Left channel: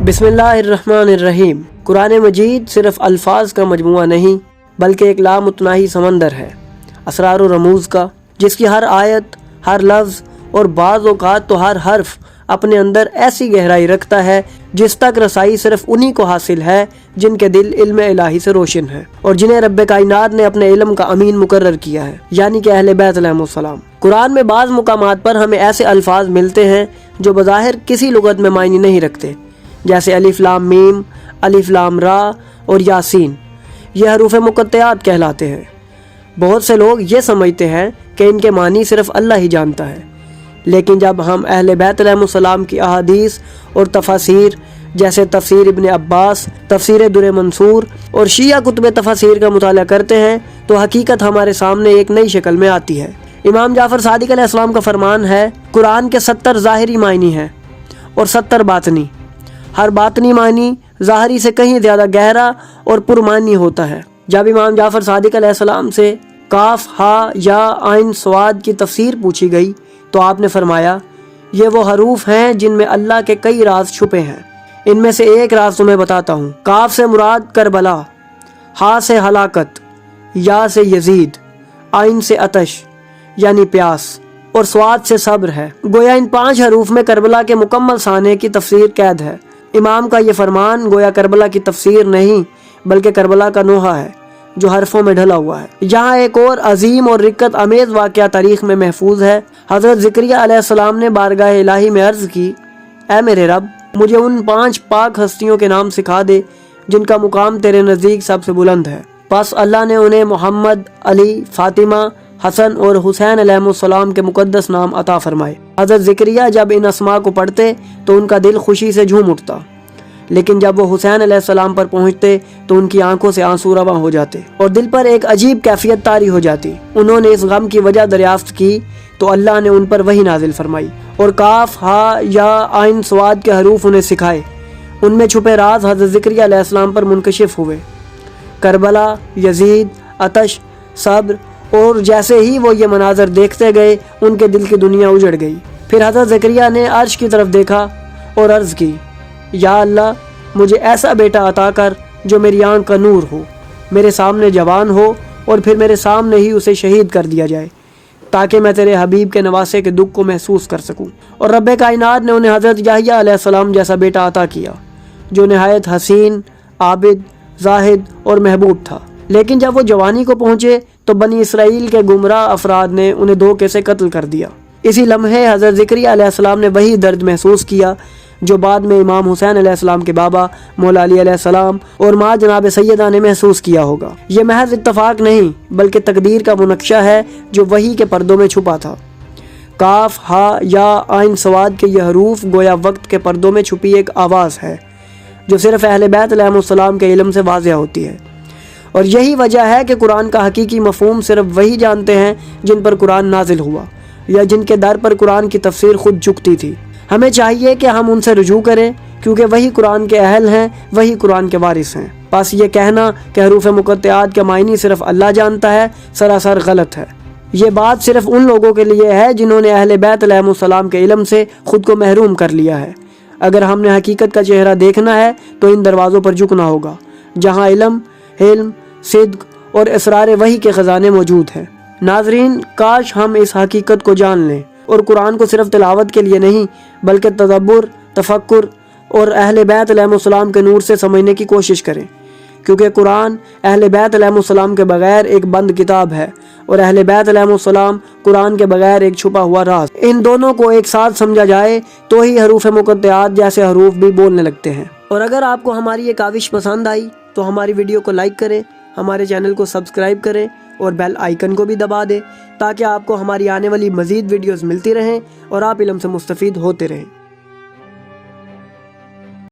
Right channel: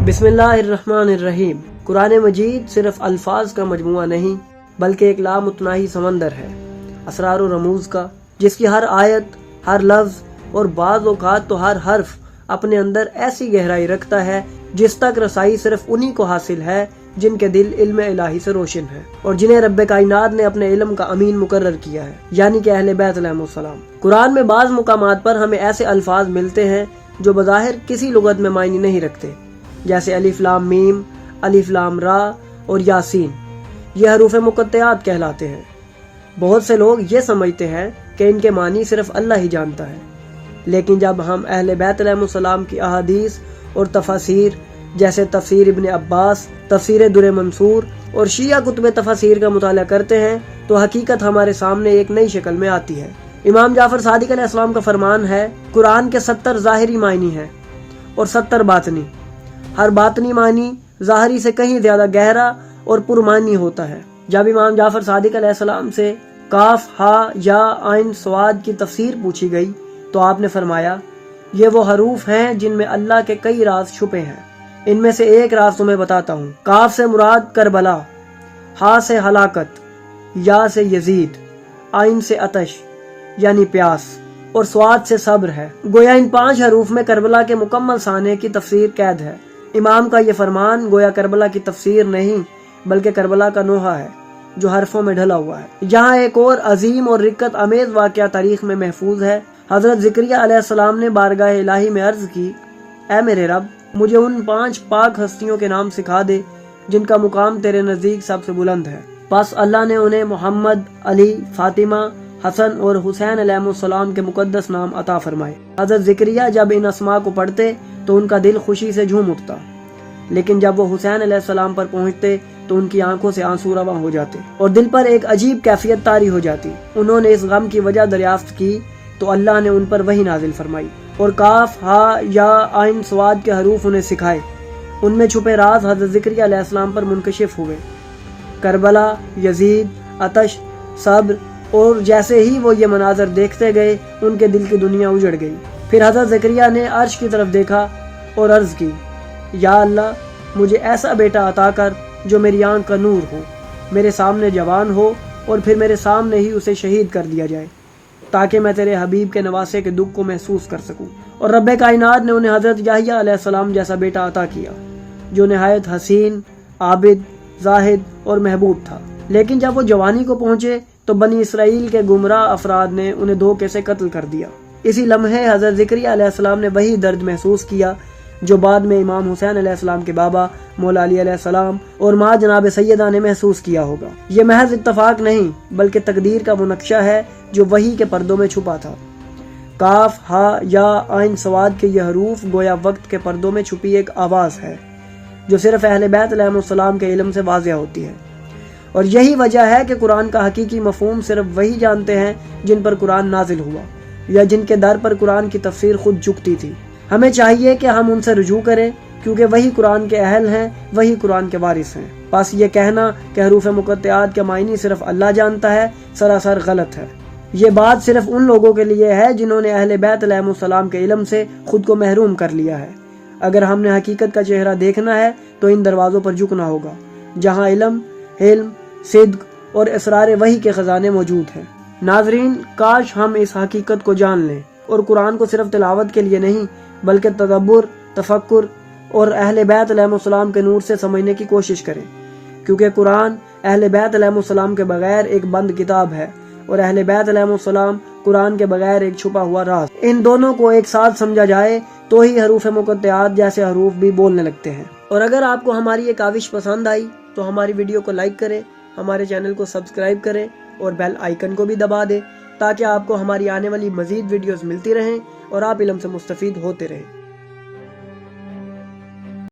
बिस्मिल्लाहिर्रहमानिर्रहीम। कुरान मजीद सिर्फ अल्फाज का मजमुआ नहीं बल्कि एक लामुतनाही समंदर है असरार और रमूज़ का, जिसकी हर आयत, हर लफ्ज़ और बाज़ औक़ात तो हर हर्फ अपने अंदर ऐसी गहराई रखता है जिस तक रसाई सिर्फ उन्हीं को हासिल है जिनके दिल इल्म इलाही से रोशन है और जिन्हें रब्बे कायनात ने अपने इल्म का अमीन मुकर्रर किया है, यानी कि अहले बैत अलैहिमुस्सलाम। कुरान में बाज़ मुकामात पर हमें ऐसे अल्फाज मिलते हैं जो बज़ाहिर किसी लुगत में मायने नहीं रखते, जैसे अलिफ लाम मीम, अलिफ लाम रा और यासीन। ये हरूफ मुक़त्तआत कहलाते हैं। बहुत से लोग ये समझते हैं कि इनके मानी सिर्फ अल्लाह ही जानता है, लेकिन जब हम अहले बैत अलैहिमुस्सलाम की अहादीस और तफासीर जैसे तफसीर इब्न अब्बास, तफसीर दुर मंसूर और शिया कुतुब तफासीर का मुताला करते हैं तो हकीकत हमारे सामने एक नई शक्ल में आती है। इमाम जाफर सादिक अलैहिस्सलाम का फरमान है, कुरान के 70 ज़ाहिरी मायनी हैं और 70 बातनी। हर बातनी मानी ज़ाहिरी से कहीं ज़्यादा गहरा और पुरमानी होता है। जब इमाम जाफर सादिक अलैहिस्सलाम से काफ, हा, या, आइन, स्वाद की तफसीर पूछी गई तो आपने फरमाया, ये वो हरूफ हैं जिनमें अल्लाह के कई राज छुपे हैं। इनमें से एक राज तुम्हें बताता हूँ। काफ से मुराद करबला, हा से हलाकत, या से यजीद, आइन से अतश यानी प्यास और स्वाद से सब्र है। गोया इन 5 हरूफ में करबला के मुकम्मल साने की तफसीर कैद है। इमाम का ये फरमान गोया करबला की तफसीर नहीं बल्कि करबला का नोहा है जो हरफों में ढला हुआ है। यहाँ एक और अजीम और रिक्कत अमेज वाक़या तारीख में महफूज है। हज़रत ज़करिया अलैहिस्सलाम ने बारगाह इलाही में अर्ज़ की, ऐ मेरे रब, मुझे उन 5 पाक हस्तियों के नाम सिखा दे जिनका मुकाम तेरे नज़दीक सबसे बुलंद है। बस अल्लाह ने उन्हें मोहम्मद, अली, फातिमा, हसन और हुसैन अलैहिमुस्सलाम के मुकद्दस नाम अता फरमाए। हज़रत ज़करिया जब इन अस्मा को पढ़ते तो उनका दिल खुशी से झूम उठता, लेकिन जब वो हुसैन अलैहिस्सलाम पर पहुंचते तो उनकी आंखों से आंसू रवां हो जाते और दिल पर एक अजीब कैफियत तारी हो जाती। उन्होंने इस गम की वजह दरियाफ्त की तो अल्लाह ने उन पर वही नाजिल फरमाई और काफ, हा, या, आइन, स्वाद के हरूफ उन्हें सिखाए। उनमें छुपे राज हज़रत ज़करिया अलैहिस्सलाम पर मुनकशिफ हुए। करबला, यजीद, अतश, सब्र और जैसे ही वो ये मनाजर देखते गए उनके दिल की दुनिया उजड़ गई। फिर हज़रत ज़करिया ने अर्श की तरफ देखा और अर्ज़ की, या अल्लाह, मुझे ऐसा बेटा अता कर जो मेरी आंख का नूर हो, मेरे सामने जवान हो और फिर मेरे सामने ही उसे शहीद कर दिया जाए ताकि मैं तेरे हबीब के नवासे के दुख को महसूस कर सकूं। और रब्बे कायनात ने उन्हें हज़रत याहया अलैहिस्सलाम जैसा बेटा अता किया जो नहायत हसीन, आबिद, जाहिद और महबूब था। लेकिन जब वो जवानी को पहुंचे तो बनी इसराइल के गुमराह अफराद ने उन्हें धोखे से कत्ल कर दिया। इसी लम्हे हज़रत ज़करिया अलैहिस्सलाम ने वही दर्द महसूस किया जो बाद में इमाम हुसैन अलैहिस्सलाम के बाबा मौला अली अलैहिस्सलाम और माँ जनाब सैयदा ने महसूस किया होगा। ये महज इत्तफाक नहीं बल्कि तकदीर का मुनक्शा है जो वही के पर्दों में छुपा था। काफ, हा, या, आइन, स्वाद के ये हरूफ गोया वक्त के पर्दों में छुपी एक आवाज़ है जो सिर्फ अहले बैत अलैहिमुस्सलाम के इल्म से वाज़िह होती है। और यही वजह है कि कुरान का हकीकी मफ़हूम सिर्फ वही जानते हैं जिन पर कुरान नाजिल हुआ या जिनके दर पर कुरान की तफसीर खुद झुकती थी। हमें चाहिए कि हम उनसे रुजू करें क्योंकि वही कुरान के अहल हैं, वही कुरान के वारिस हैं। बस ये कहना कि हरूफ मुक़त्तआत के मायनी सिर्फ अल्लाह जानता है सरासर गलत है। ये बात सिर्फ उन लोगों के लिए है जिन्होंने अहले बैत अलैहिमुस्सलाम के इल्म से खुद को महरूम कर लिया है। अगर हमने हकीकत का चेहरा देखना है तो इन दरवाज़ों पर झुकना होगा जहाँ इल्म, हिल्म, सिद्क़ और इसरार वही के ख़ज़ाने मौजूद हैं। नाज़रीन, काश हम इस हकीकत को जान लें और कुरान को सिर्फ तिलावत के लिए नहीं बल्कि तदब्बुर, तफक्कुर और अहले बैत अलैहिमुस्सलाम के नूर से समझने की कोशिश करें, क्योंकि कुरान अहले बैत अलैहिमुस्सलाम के बगैर एक बंद किताब है और अहले बैत अलैहिमुस्सलाम कुरान के बगैर एक छुपा हुआ राज। इन दोनों को एक साथ समझा जाए तो ही हरूफ मुक़त्तआत जैसे हरूफ भी बोलने लगते हैं। और अगर आपको हमारी ये काविश पसंद आई तो हमारी वीडियो को लाइक करें, हमारे चैनल को सब्सक्राइब करें और बेल आइकन को भी दबा दें ताकि आपको हमारी आने वाली मज़ीद वीडियोस मिलती रहें और आप इल्म से मुस्तफ़ीद होते रहें।